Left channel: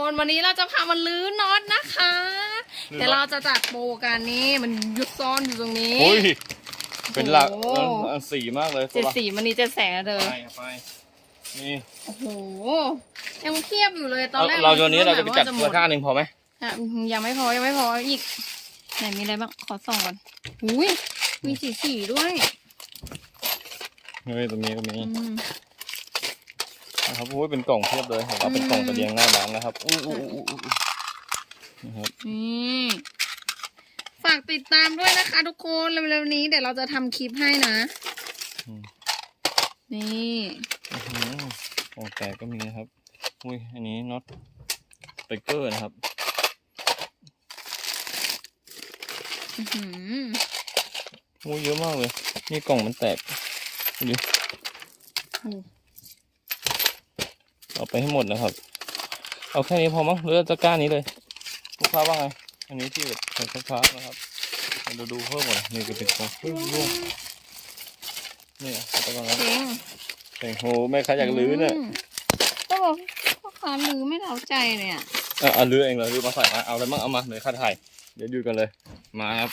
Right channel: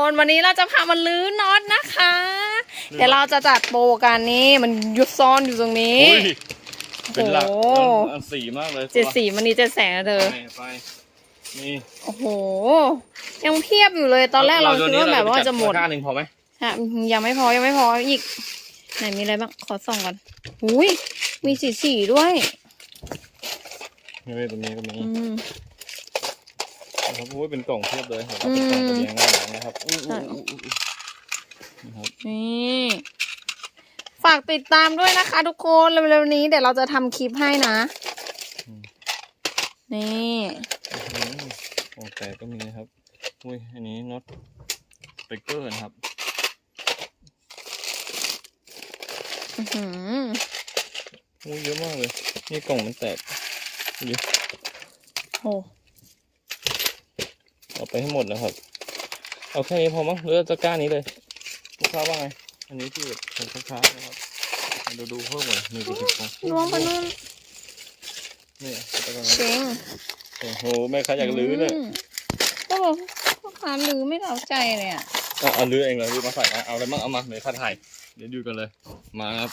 คนวันนี้เราจะพามันลื้อน็อตนะคะ เดี๋ยวเราจะจัดโปรกันนี่มันยุดซ่อนอยู่ตรงนี้ อุ้ยเป็นหลักโอ้อันอันสีมากเลยเจ็ดสีมันนี้เจ็ดแสงนะเธอไปไปนี่โอ้โห ยังเพียบอยู่เลยตอนแรกเราคิดว่าแบบว่าจะหมดตก้าหนึ่งพอไหมฮะยังไม่พอยังไม่พออีกไหนมีอะไรบ้างขอส่องก่อนอุ้ยมีสีสีด้วยนี่ตรงนี้ก็มีอืมนะ ครับอุ้ยเป็นกล่องเทียบเลยเห็นไหมเป็นกล่องอืมตะเรียงหน้าหลังนะครับอุ้ยใช่อุ้ยอุ้ยอุ้ยนะครับนี่ฝากติดตามด้วยนะคะทุกคนเร็วๆนี้เดี๋ยวเราจะทำคลิปให้นะนี่อื้อหือกล่องแตกก็มีนะครับอุ้ยอันนี้น็อตสเปกเกอร์นะครับอื้อหืออุ้ยเยอะมากเลย นี่กล่องมันแตกดู โอ้ เอาไปให้หมดนะครับ เอาแค่นี้พอมั้งหรือเอาตะกร้านี้เลยลูกค้าว่าไง อันนี้ที่แบบใส่ลูกค้านะครับเดี๋ยวดูเพิ่มก่อนนี่ก็เป็นกล่องรวมไปนู่นนี่ตะกร้าเชงโอ้โหแม่ค้าอยากลื้อเนี่ยมก็บอกพ่อค้าลื้อไม่เท่าใจเลยอะอะเอาลื้อเองเลยลื้อมาใส่มาเอาอะไรบ้างเอามาเดี๋ยวข้าถ่ายเดี๋ยวดูกันเลย มาครับ